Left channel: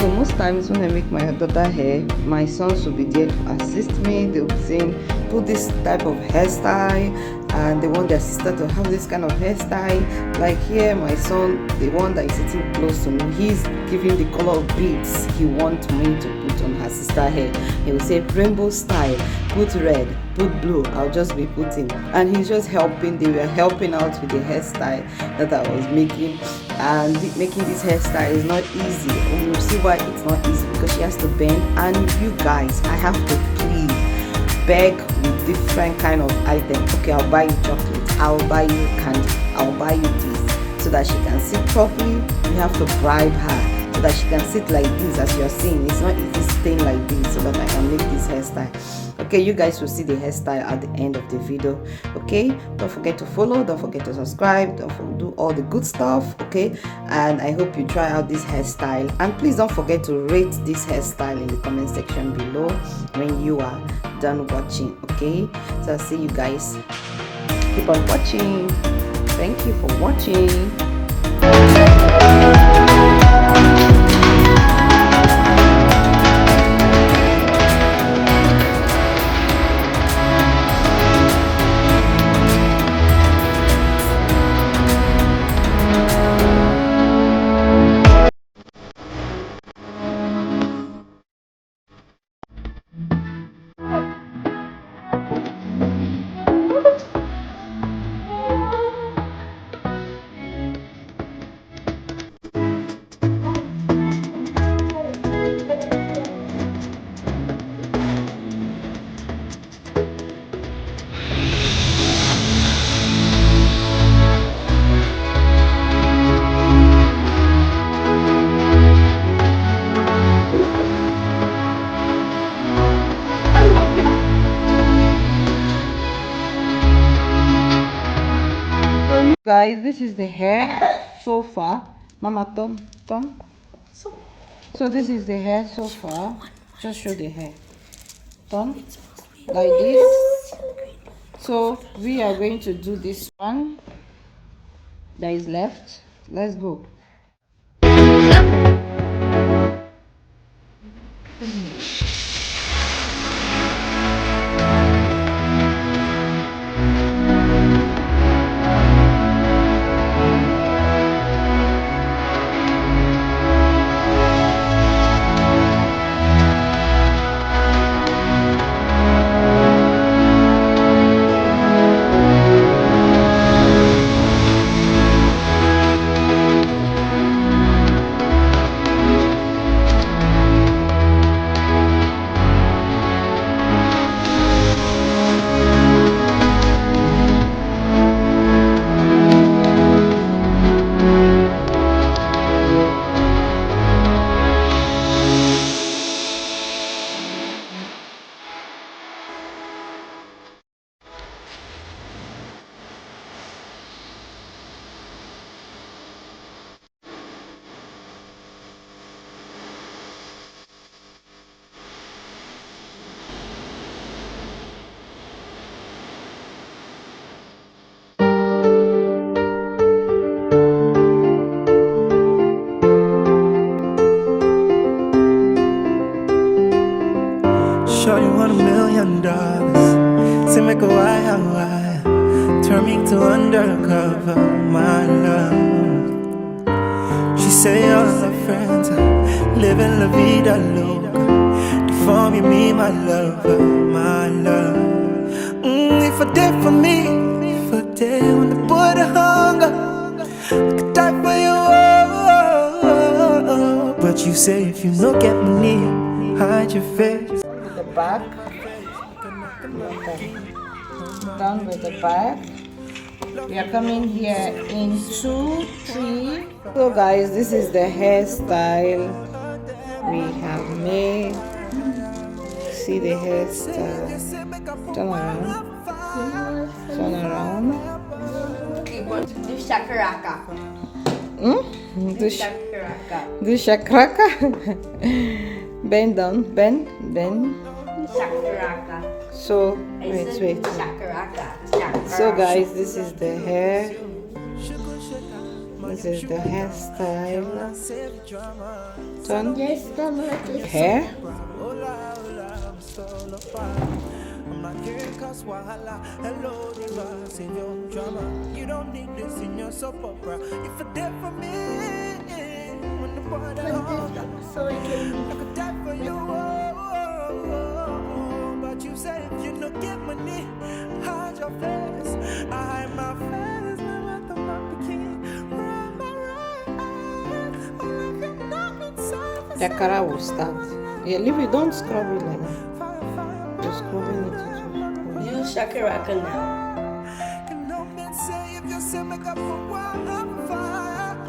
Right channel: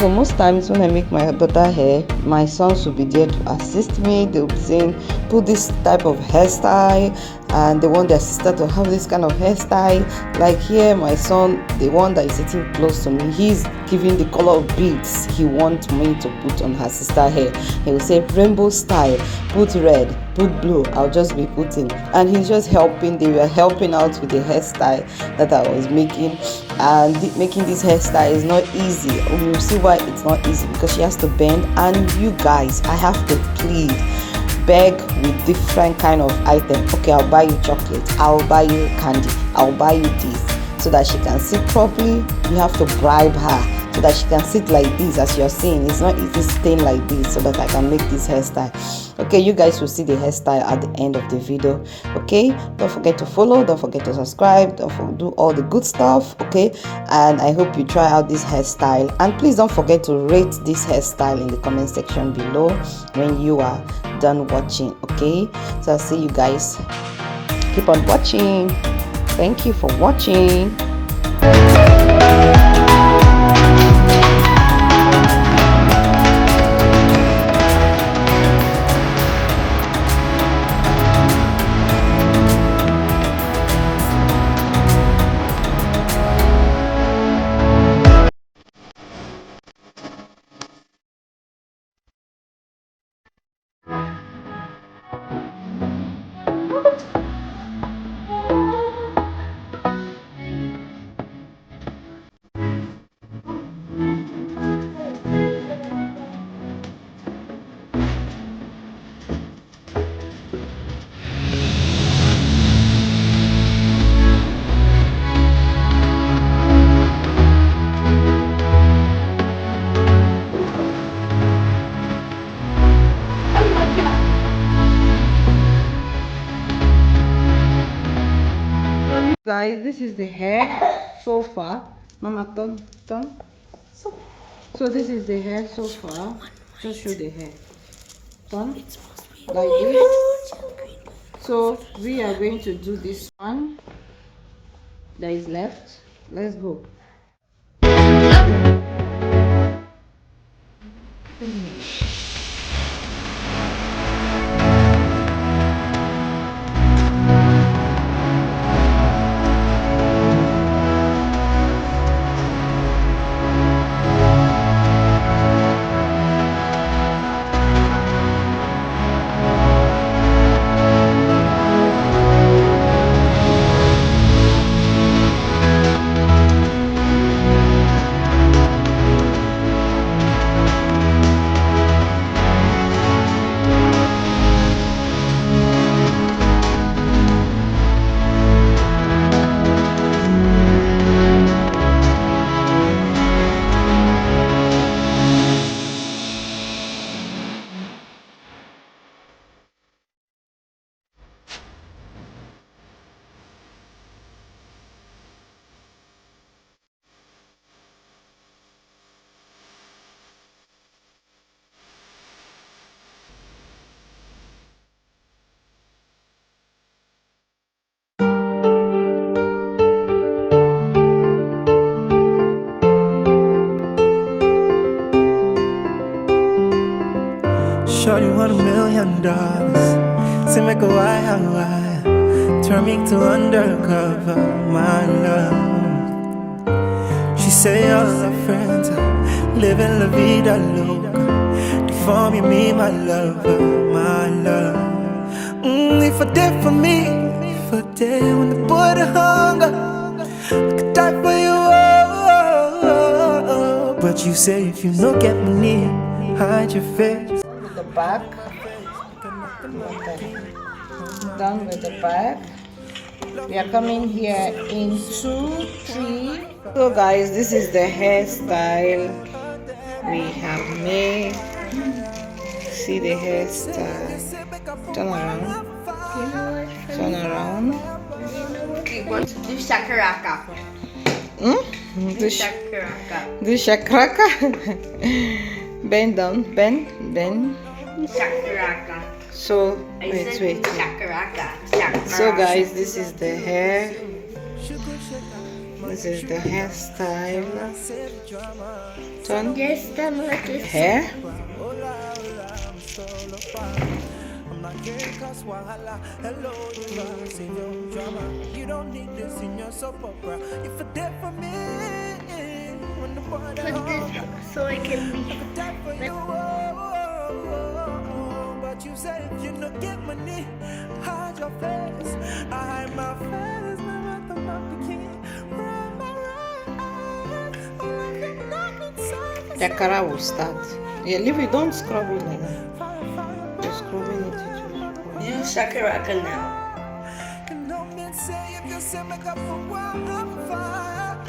So most times when I make my daughter hair, my sons will be there to assist me. They'll be saying, put this type of hairstyle, and they want their sister to have this kind of hairstyle. Like here, my son, the one that is sitting close to me, he's giving the color of beads he wants me to put on her sister hair. He will say rainbow style, put red, put blue. I'll just be putting, and he's just helping. They were helping out with the hairstyle that I was making. And making this hairstyle is not easy. You'll see why it's not easy, because she has to bend. And you guys, I have to plead, beg with different kind of items. Okay, I'll buy you chocolate, I'll buy you candy, I'll buy you this, so that she can sit properly. You have to bribe her so that she can sit like this. As you're seeing, it's not easy staying like this, so that I can make this hairstyle. Okay, you guys will see the hairstyle at the end of the video. Okay, don't forget to follow, don't forget to subscribe, don't forget to do all the good stuff. Okay, and I hope you try out this hairstyle, and please don't forget to rate this hairstyle in the comment section below when you are done watching. Okay, so I'll see you guys. Keep on watching. Thank you for watching. Guys, this is the hair so far. Mama, turn. So this is the hair so far. Just show the hair. Turn like this. So we are going to do this one that is left. Let's go. Shorty want $1 million. Say make a why, turn me to undercover, my love. She say all her friends living la vida loca. Deform you me, my lover, my love. If I did for me, if I did when the boy the hunger, I could die for you. But you say if you no get money, hide your face. The back, done with the back. We are coming here in 2, 3. So guys, this is the hairstyle we have made. See the hairstyle. Turn around. Turn around. Do shakaraka. Do shakaraka. Bend down, bend. Shakaraka. So wait. Shakaraka. So guys, this is the hair. This is the hairstyle. Turn Hairstyle hair. I'm not caring cause wahala. Hello, diva, save your drama. You don't need this in your soap opera. If you're dead for me, when the water so I can I could die for you. But you say if you don't get money, hide your face. I hide my face, my mouth, I'm not the king. Run my right, all I cannot inside. The color will start. Yeah, leave it. Don't scrub it like that. Just scrubbing it. use shakaraka now.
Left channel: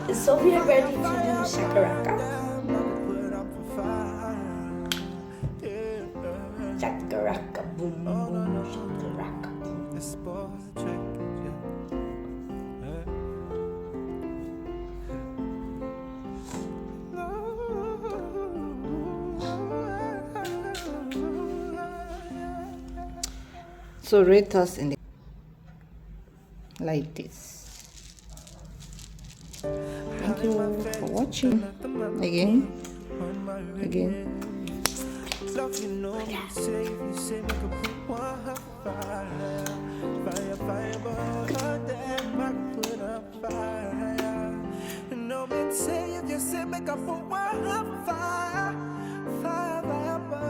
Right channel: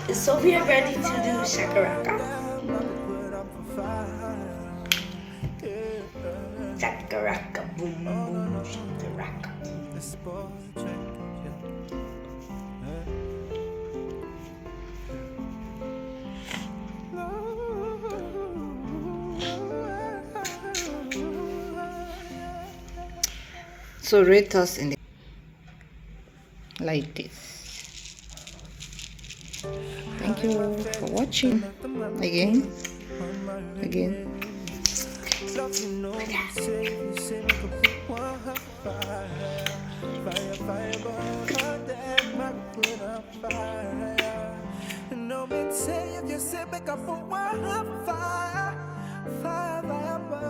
Is Sophia ready to do shakaraka? Shakaraka boom boom shakaraka boom. So rate us in the like this. Thank you for watching. Again. Love, you know, you say make a put one fire, but damn, I put up fire. You know me say if you say make a put one fire.